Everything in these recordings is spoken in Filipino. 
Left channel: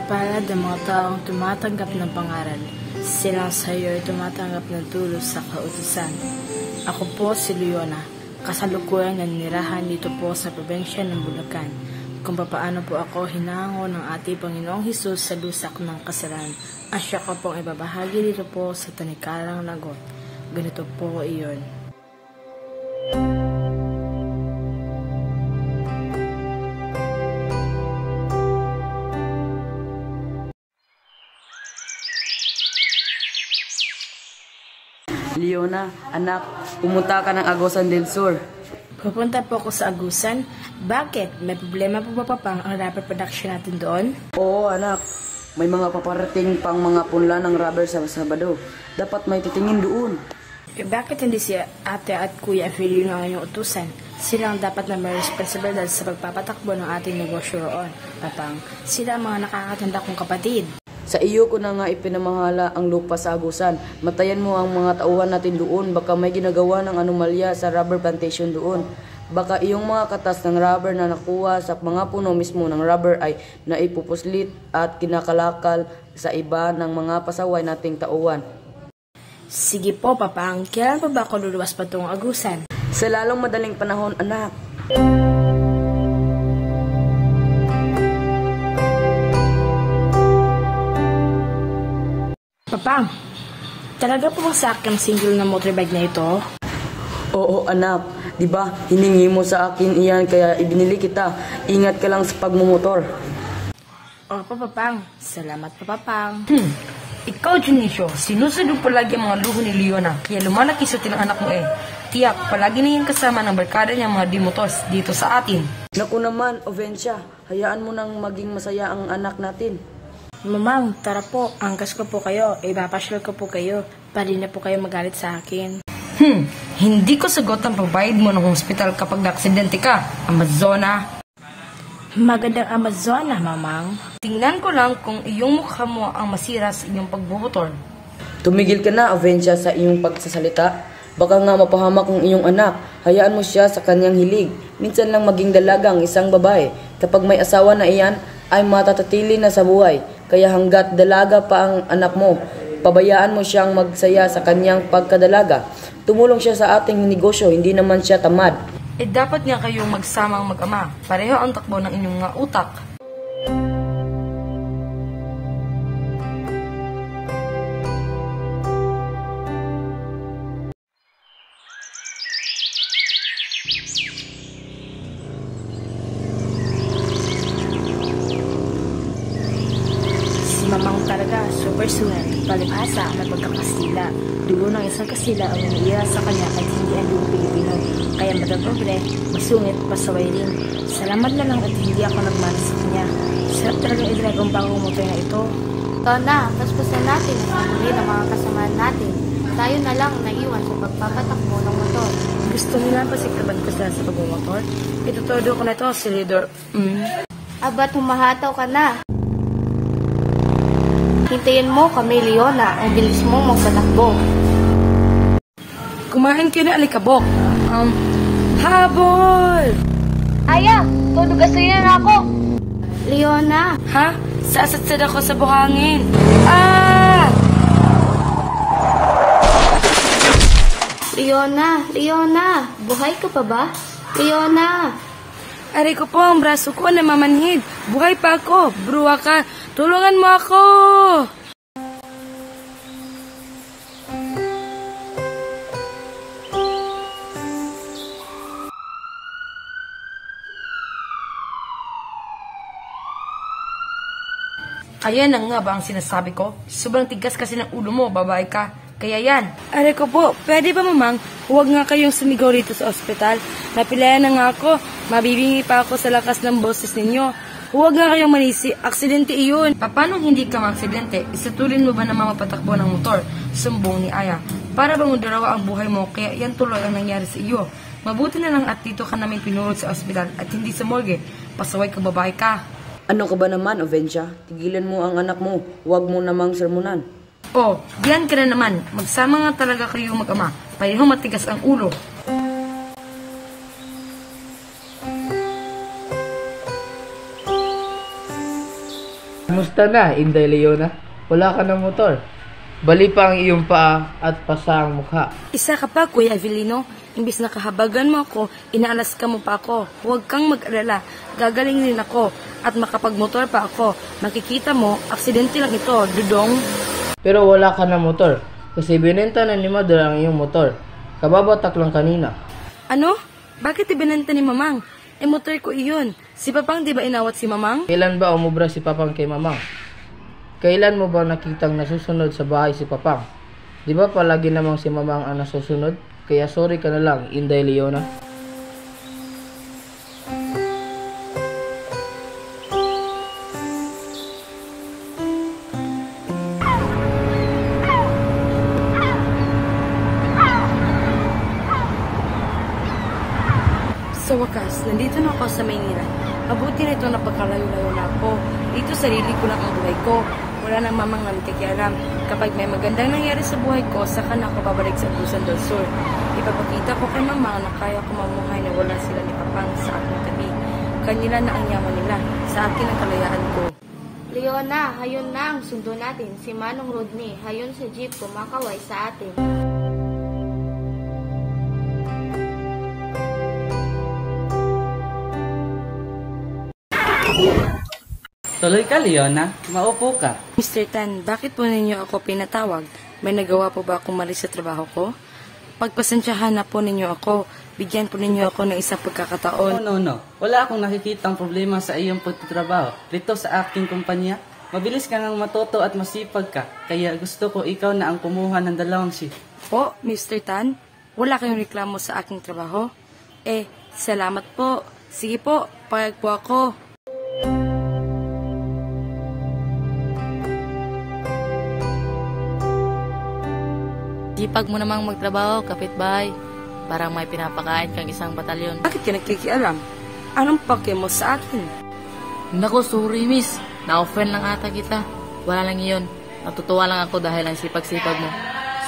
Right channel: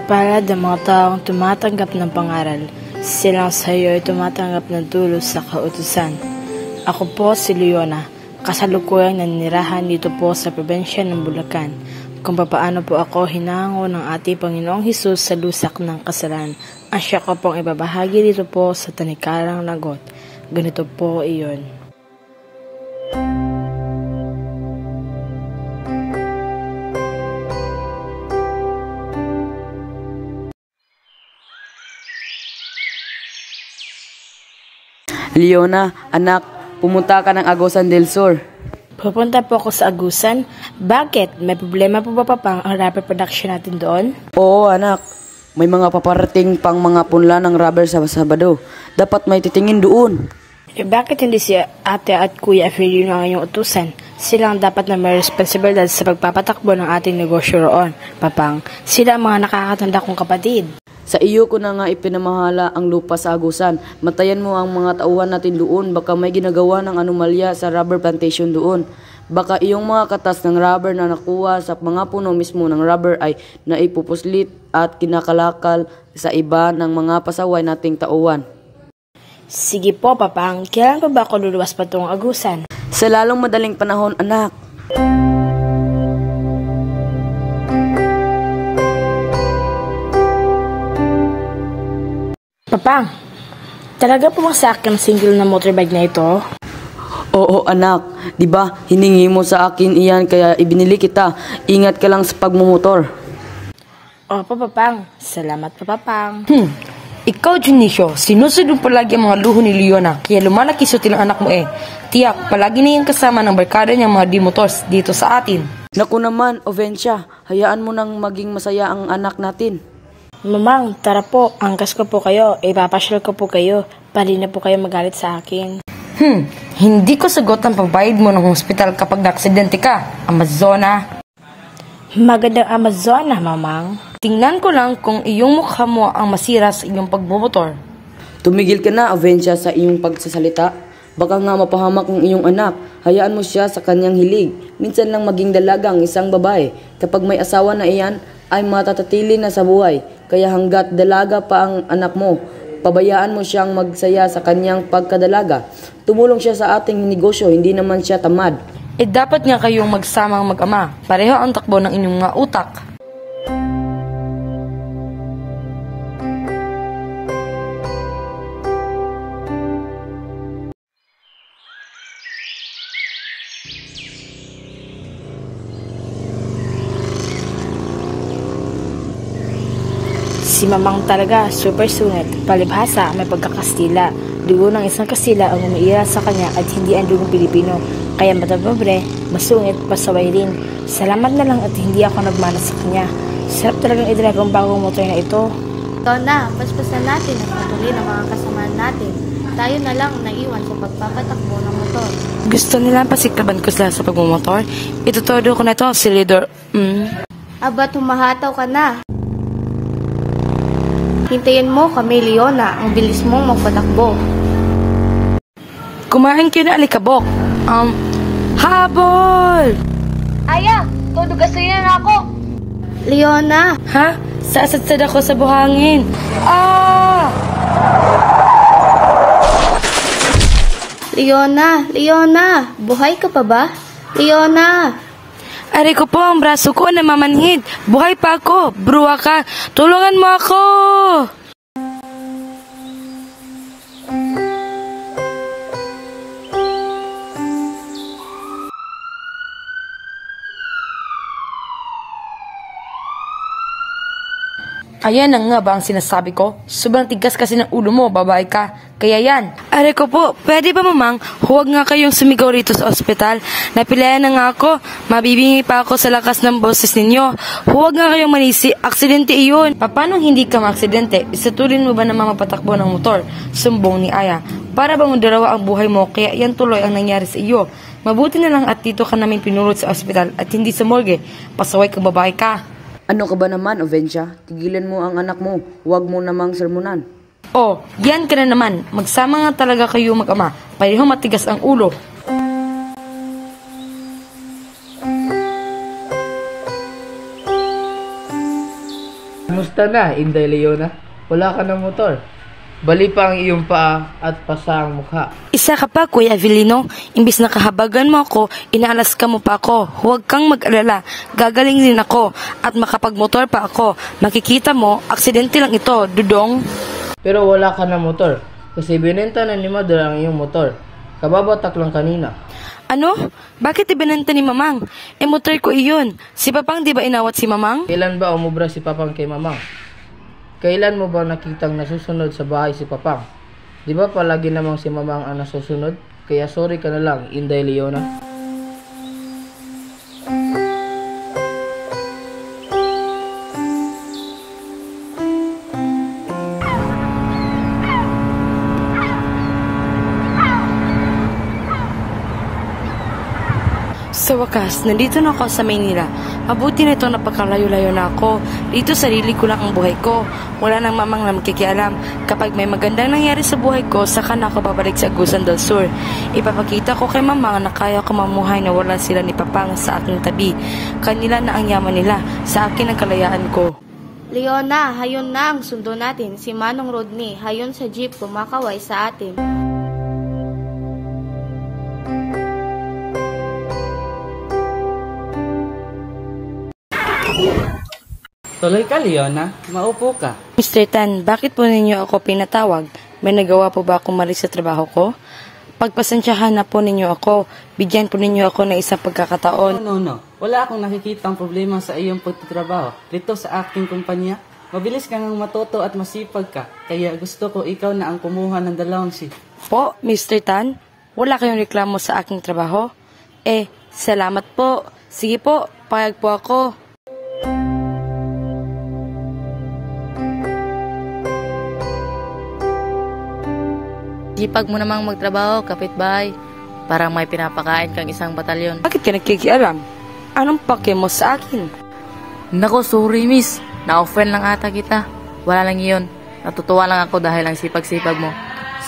Mapalad ang mga taong tumatanggap ng pangaral. Silang sa iyo ay tumatanggap ng tulos sa kautusan. Ako po si Leona, kasalukuyang nanirahan dito po sa probinsya ng Bulacan. Kung papaano po ako hinango ng ating Panginoong Hesus sa lusak ng kasalanan, ang siya ko pong ibabahagi dito po sa Tanikarang Lagot. Ganito po iyon. Leona, anak, pumunta ka ng Agusan del Sur. Pupunta po ako sa Agusan. Bakit? May problema po ba Papang ang rubber production natin doon? Oo, anak. May mga paparating pang mga punla ng rubber sa Sabado. Dapat may titingin doon. Bakit hindi si ate at kuya Filino ang inyong utusan? Sila ang dapat na may responsibilidad sa pagpapatakbo ng ating negosyo roon, Papang. Sila ang mga nakakatanda kong kapatid. Sa iyo ko na nga ipinamahala ang lupa sa Agusan. Matayan mo ang mga tauhan natin doon. Baka may ginagawa ng anomalya sa rubber plantation doon. Baka iyong mga katas ng rubber na nakuha sa mga puno mismo ng rubber ay naipupuslit at kinakalakal sa iba ng mga pasaway nating tauhan. Sige po, Papang. Kailan pa ba ako luluwas patungong Agusan? Sa lalong madaling panahon, anak. Papang, talaga po bang sa akin single na motorbike na ito? Oo, anak. Diba, hiningi mo sa akin iyan kaya ibinili kita. Ingat ka lang sa pagmumotor. Opo, Papang. Salamat po, Papang. Ikaw, Junicio, sinusunod palagi ang mga luho ni Leona, kaya lumalaki sutil ang anak mo eh. Tiyak, palagi na yung kasama ng barkada niyang mga dimotors dito sa atin. Naku naman, Ovencia, hayaan mo nang maging masaya ang anak natin. Mamang, tara po. Angkas ko po kayo. Ipapasyal ko po kayo. Pali na po kayo magalit sa akin. Hindi ko sagot ang pagbayad mo ng hospital kapag na-aksidente ka, Amazona. Magandang Amazona, Mamang. Tingnan ko lang kung iyong mukha mo ang masira sa iyong pagbumotor. Tumigil ka na, Ovencia, sa iyong pagsasalita. Baka nga mapahamak ang iyong anak. Hayaan mo siya sa kanyang hilig. Minsan lang maging dalaga ang isang babae. Kapag may asawa na iyan, ay matatatili na sa buhay. Kaya hanggat dalaga pa ang anak mo, pabayaan mo siyang magsaya sa kanyang pagkadalaga. Tumulong siya sa ating negosyo, hindi naman siya tamad. Dapat nga kayong magsamang mag-ama. Pareho ang takbo ng inyong mga utak. Si Mamang talaga, super sunat. Palibhasa, may pagkakastila. Dugo ng isang Kastila ang umiira sa kanya at hindi ang dugong Pilipino. Kaya matagnobre, masungit, pasaway rin. Salamat na lang at hindi ako nagmana sa kanya. Sarap talagang idrag ang bagong motor na ito. Ikaw na, paspasan natin at patuloy ng mga kasamahan natin. Tayo na lang ang naiwan sa pagpapatakbo ng motor. Gusto nila pasiktaban ko sila sa pagmumotor? Itutudo ko na to, si Leader. Aba, tumahataw ka na. Hintayin mo kami, Leona. Ang bilis mong magpatakbo. Kumain kayo na alikabok. Habol! Aya, todo gasolina na ako. Leona. Ha? Sasadsad ako sa buhangin. Ah! Leona. Buhay ka pa ba? Leona. Aray ko po, ang braso ko namamanhid. Buhay pa ako. Bruwa ka. Tulungan mo ako. Ayan na nga ba ang sinasabi ko? Sobrang tigas kasi ng ulo mo, babae ka. Kaya yan. Aray ko po, pwede ba Mamang, huwag nga kayong sumigaw rito sa ospital. Napilayan na nga ako. Mabibingi pa ako sa lakas ng boses ninyo. Huwag nga kayong manisi. Aksidente iyon. Paano hindi ka maaksidente? Isatulin mo ba na mapatakbo ng motor? Sumbong ni Aya. Para bang darawa ang buhay mo, kaya yan tuloy ang nangyari sa iyo. Mabuti na lang at dito ka namin pinulot sa ospital at hindi sa morgue. Pasaway ka, babae ka. Ano ka ba naman, Ovencia? Tigilan mo ang anak mo. Huwag mo namang sermonan. Oh, yan ka na naman. Magsama nga talaga kayo mag-ama. Pareho matigas ang ulo. Kamusta na, Inday Leona? Wala ka ng motor. Bali pa ang iyong paa at pasa ang mukha. Isa ka pa, Kuya Avelino. Imbis na kahabagan mo ako, inaalas ka mo pa ako. Huwag kang mag-alala. Gagaling din ako. At makapagmotor pa ako. Makikita mo, aksidente lang ito, Dudong. Pero wala ka ng motor. Kasi binenta na ni Mother ang iyong motor. Kababatak lang kanina. Ano? Bakit ibinenta ni Mamang? Motor ko iyon. Si Papang di ba inawat si Mamang? Kailan ba umubra si Papang kay Mamang? Kailan mo ba nakitang nasusunod sa bahay si Papang? Di ba palagi namang si Mamang ang nasusunod? Kaya sorry ka na lang, Inday Leona. Sa wakas, nandito na ako sa Maynila. Mabuti na ito napakalayo-layo na ako. Dito sarili ko lang ang buhay ko. Wala nang mamang na magkikialam. Kapag may magandang nangyari sa buhay ko, saka na ako babalik sa Agusan del Sur. Ipapakita ko kay Mama na kaya ko mamuhay na wala sila ni Papang sa aking tabi. Kanila na ang yaman nila. Sa akin ang kalayaan ko. Leona, hayon na ang sundo natin. Si Manong Rodney, hayon sa jeep kumakaway sa atin. Tuloy ka, Leona. Maupo ka. Mr. Tan, bakit po ninyo ako pinatawag? May nagawa po ba akong mali sa trabaho ko? Pagpasensyahan na po ninyo ako. Bigyan po ninyo ako ng isang pagkakataon. No. Wala akong nakikitang problema sa iyong pagtatrabaho. Dito sa aking kumpanya, mabilis ka nang matuto at masipag ka. Kaya gusto ko ikaw na ang kumuha ng 2 shift. Po, Mr. Tan, wala kayong reklamo sa aking trabaho? Salamat po. Sige po, payag po ako. Sipag mo namang magtrabaho, kapitbahay. Parang may pinapakain kang isang batalyon. Bakit ka nagkikialam? Anong pake mo sa akin? Nako, sorry miss. Na-offend lang ata kita. Wala lang iyon. Natutuwa lang ako dahil ang sipag-sipag mo.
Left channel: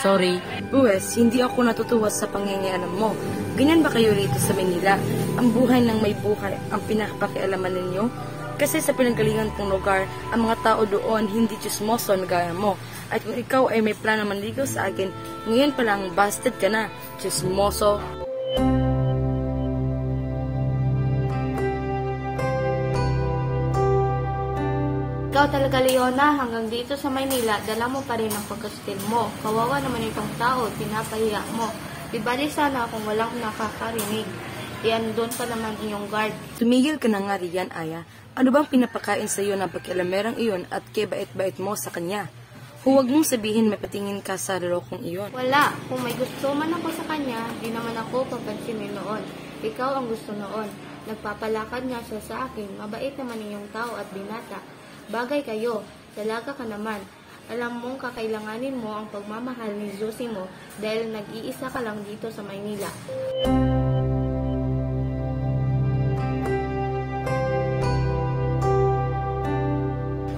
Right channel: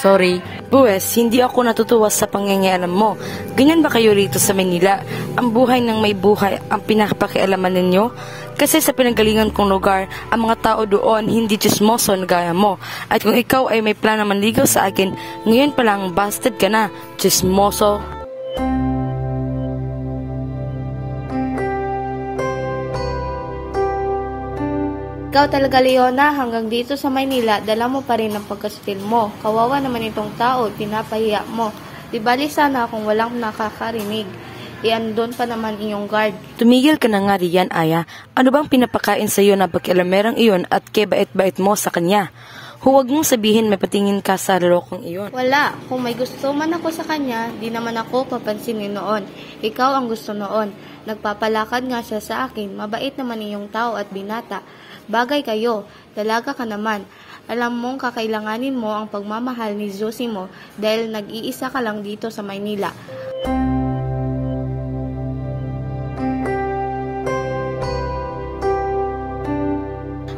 Sorry. Buwes, hindi ako natutuwa sa pangyayaalam mo. Ganyan ba kayo rito sa Manila? Ang buhay ng may buhay ang pinakapakialaman ninyo? Kasi sa pinanggalingan kong lugar, ang mga tao doon hindi chismoso na gaya mo. At kung ikaw ay may plano manligaw sa akin, ngayon pa lang busted ka na, chismoso. Ikaw talaga, Leona, hanggang dito sa Maynila, dala mo pa rin ang pagkastil mo. Kawawa naman itong tao, pinapahiya mo. Di bali sana kung walang nakakarinig. Iandon pa naman inyong guard. Tumigil ka na nga riyan, Aya. Ano bang pinapakain sa iyo na pagkialamerang iyon at kebait-bait mo sa kanya? Huwag mong sabihin may patingin ka sa lolokong iyon. Wala. Kung may gusto man ako sa kanya, di naman ako papansinin noon. Ikaw ang gusto noon. Nagpapalakad nga siya sa akin. Mabait naman iyong tao at binata. Bagay kayo. Dalaga ka naman. Alam mong kakailanganin mo ang pagmamahal ni Zosimo dahil nag-iisa ka lang dito sa Maynila.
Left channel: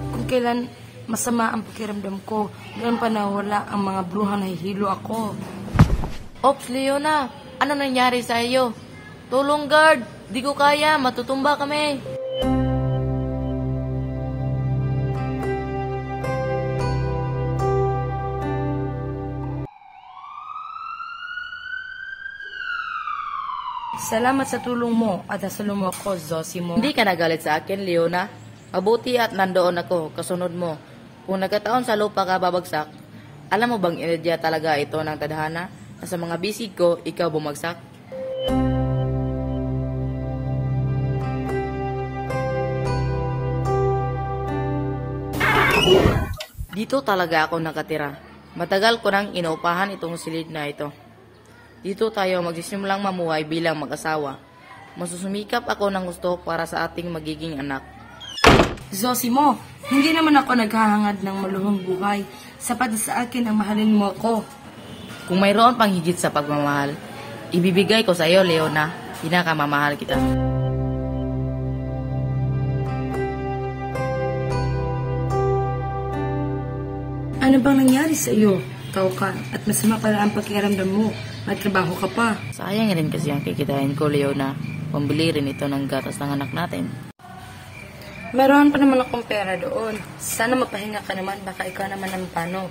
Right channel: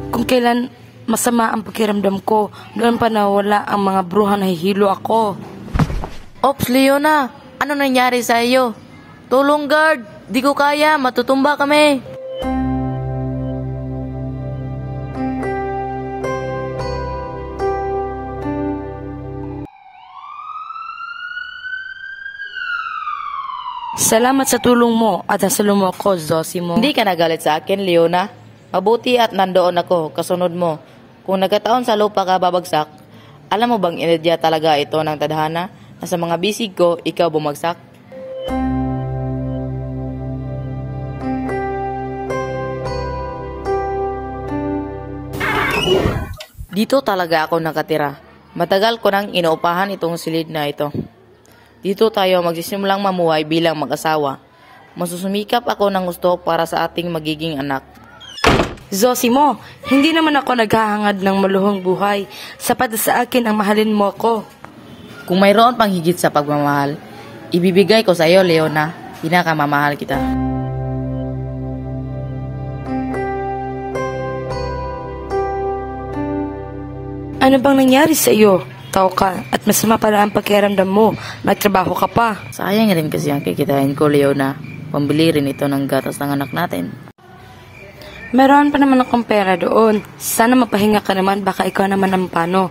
Kung kailan masama ang pakiramdam ko, doon pa nawala ang mga bruha na hihilo ako. Ops, Leona. Ano nangyari sa iyo? Tulong, guard. Di ko kaya. Matutumba kami. Salamat sa tulong mo at sa lumo ko, Zosimo. Hindi ka nagalit sa akin, Leona. Mabuti at nandoon ako, kasunod mo. Kung nagkataon sa lupa ka babagsak, alam mo bang inedya talaga ito ng tadhana na sa mga bisig ko, ikaw bumagsak? Dito talaga ako nakatira. Matagal ko nang inuupahan itong silid na ito. Dito tayo magsisimulang mamuhay bilang mag-asawa. Masusumikap ako ng gusto para sa ating magiging anak. Zosimo, hindi naman ako naghahangad ng maluhong buhay. Sapat sa akin ang mahalin mo ko. Kung mayroon pang higit sa pagmamahal, ibibigay ko sa iyo, Leona. Pinakamamahal kita. Ano bang nangyari sa iyo? Tao ka at masama pala ang pakiramdam mo. Magtrabaho ka pa. Sayang rin kasi ang kikitain ko, Leona. Pambili rin ito ng gatas ng anak natin. Meron pa naman akong pera doon. Sana mapahinga ka naman, baka ikaw naman ang pano.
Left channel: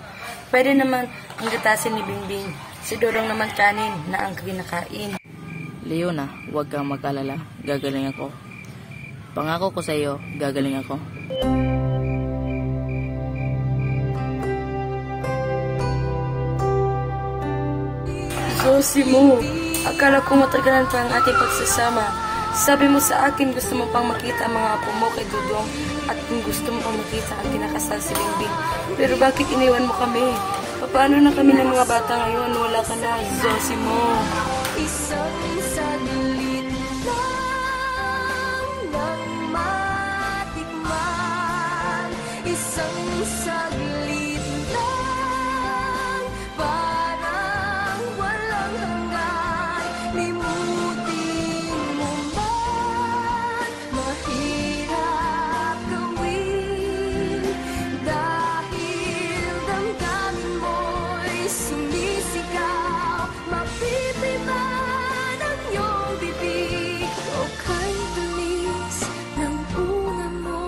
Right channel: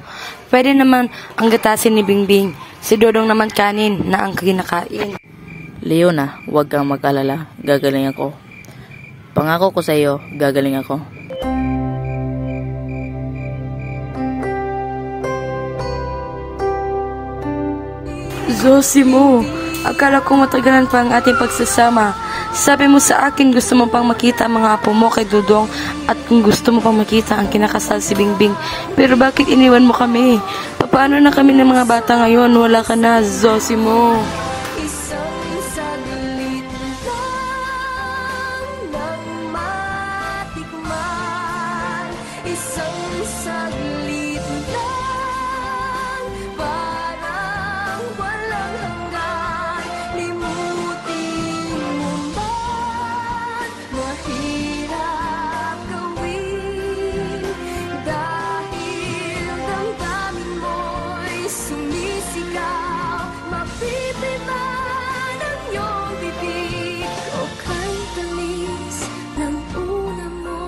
Pwede naman ang gatasin ni Bingbing. Si Dodong naman kanin na ang kinakain. Leona, huwag kang mag-alala. Gagaling ako. Pangako ko sa iyo, gagaling ako. Zosimo, akala ko matagalan pa ang ating pagsasama. Sabi mo sa akin gusto mo pang makita ang mga apo mo kay Dodong at kung gusto mo pang makita ang kinakasal si Bingbing. Pero bakit iniwan mo kami? Paano na kami ng mga bata ngayon? Wala ka na, Zosimo. Isang saglit lang nang matikman. Isang saglit lang, parang walang hanggan. Limutin mo man, mahirap gawin. Dahil damdamin mo'y sumisigaw, mapipiman ang iyong bibig. O kay tamis ng una mo.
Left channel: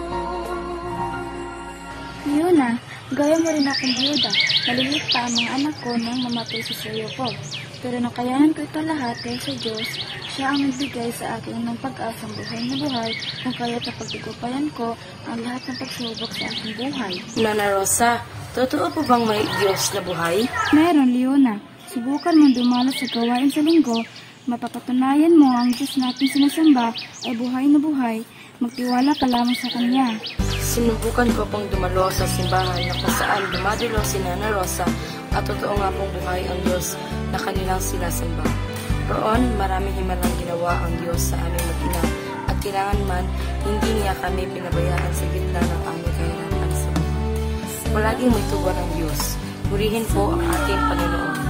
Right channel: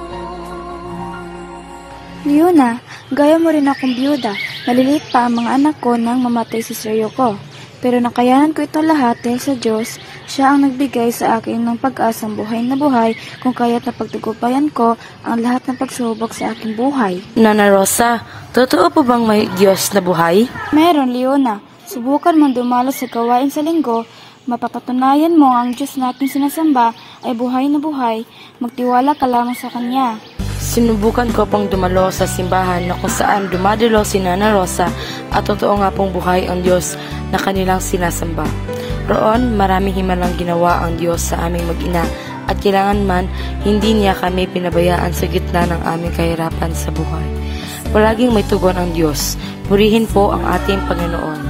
Leona, gaya mo rin akong biyuda. Maliliit pa ang mga anak ko nang mamatay si Sir Yoko. Pero nakayanan ko ito lahat dahil sa Diyos. Siya ang nagbigay sa akin ng pag-asang buhay na buhay kung kaya't napagtagumpayan ko ang lahat ng pagsubok sa aking buhay. Nana Rosa, totoo po bang may Diyos na buhay? Meron, Leona. Subukan mong dumalo sa gawain sa linggo. Mapapatunayan mo ang Diyos natin sinasamba ay buhay na buhay. Magtiwala ka lamang sa Kanya. Sinubukan ko pang dumalo sa simbahan na kung saan dumadalo si Nana Rosa at totoo nga pong buhay ang Diyos na kanilang sinasamba. Roon, maraming himalang ginawa ang Diyos sa aming mag-ina at kailangan man, hindi niya kami pinabayaan sa gitna ng aming kahirapan sa buhay. Palaging may tugon ang Diyos. Purihin po ang ating Panginoon.